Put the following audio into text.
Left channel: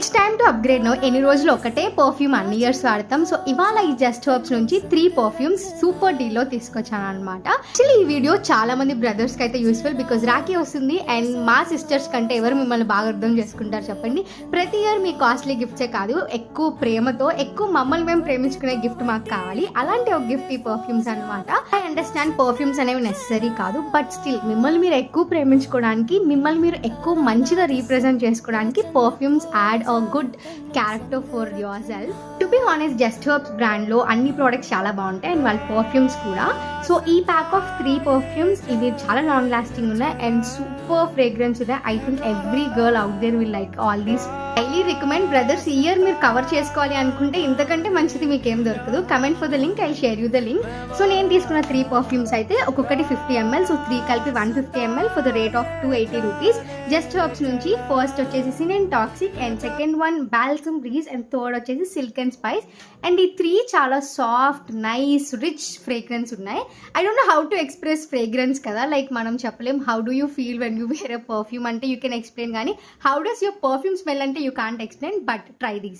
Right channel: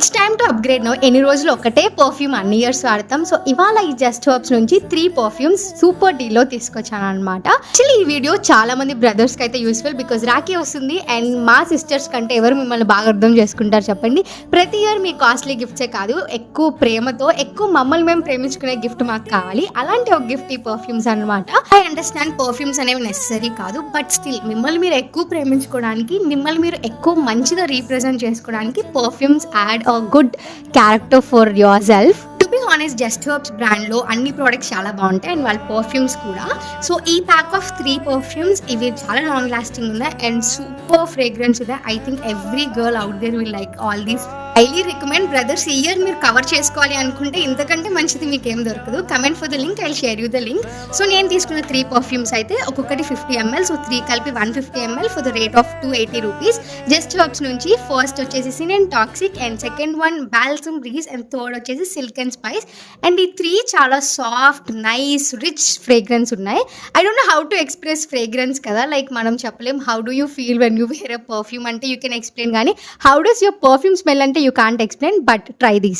It's time to upgrade no. ఎన్ని రోజులు ఒకటే పర్ఫ్యూమ్ అన్ని ఇయర్స్ వాడతాం. సో ఇవాళ ఈ జస్ట్ హర్బ్స్ నుంచి 3 పర్ఫ్యూమ్స్ సూపర్ డీల్లో తీసుకొచ్చాను అనమాట. యాక్చువల్లీ ఈ వీడియో చాలా మంది బ్రదర్స్ కి అయితే యూస్ఫుల్, బికాస్ రాఖీ వస్తుంది అండ్ మా సిస్టర్స్ కంటే ఎవరు మిమ్మల్ని బాగా అర్థం చేసుకుంటారు చెప్పండి. ప్రతి ఇయర్ మీ కాస్ట్లీ గిఫ్ట్సే కాదు, ఎక్కువ ప్రేమతో ఎక్కువ మమ్మల్ని మేము ప్రేమించుకునే గిఫ్ట్ మాకు కావాలి. అలాంటి ఒక గిఫ్ట్ ఈ పర్ఫ్యూమ్స్ అనమాట. ఐ అండర్స్టాండ్ పర్ఫ్యూమ్స్ అనేవి నెసరీ కాదు, బట్ స్టిల్ మిమ్మల్ని మీరు ఎక్కువ ప్రేమించుకోవడానికి, మిమ్మల్ని మీరు ఎక్కువ మంచిగా రీప్రజెంట్ చేసుకోవడానికి perfumes add a good character for yourself. To be honest, just herbs బ్రాండ్లో అన్ని ప్రోడక్ట్స్ చాలా బాగుంటాయి అండ్ వాళ్ళ పర్ఫ్యూమ్స్ కూడా. సో ఈ ప్యాక్ ఆఫ్ 3 పర్ఫ్యూమ్స్ ఇవి చాలా లాంగ్ లాస్టింగ్ ఉన్నాయి అండ్ సూపర్ ఫ్రేగ్రెన్స్ ఉన్నాయి. I think every girl out there will like all these. Highly recommend brothers. ఈ ఇయర్ మీరు కవర్ చేసుకోవాలి అనుకుంటే ఇంతకంటే మంచిది మీకేం దొరకదు. Comment for the link, I share you the link. So నేను తీసుకున్న 3 పర్ఫ్యూమ్స్ అయితే ఒక్కొక్కటి 50 ml, సో 3 కలిపి 150 ml for the rate of 280 rupees. Just herbs నుంచి ఫస్ట్ వచ్చేసి సినెన్ toxic and second one balsam breeze and third వచ్చేసి సిల్క్ అండ్ స్పైస్. అండ్ ఈ 3 చాలా సాఫ్ట్, నైస్, రిచ్ ఫ్రేగ్రెన్స్ ఉన్నాయి. I don't know how to express fragrance కదా, like మనం చెప్పలేం how do you feel when you wear a perfume అంటే you can explain, కానీ how does your perfume smell అంటే you can't explain, but try these.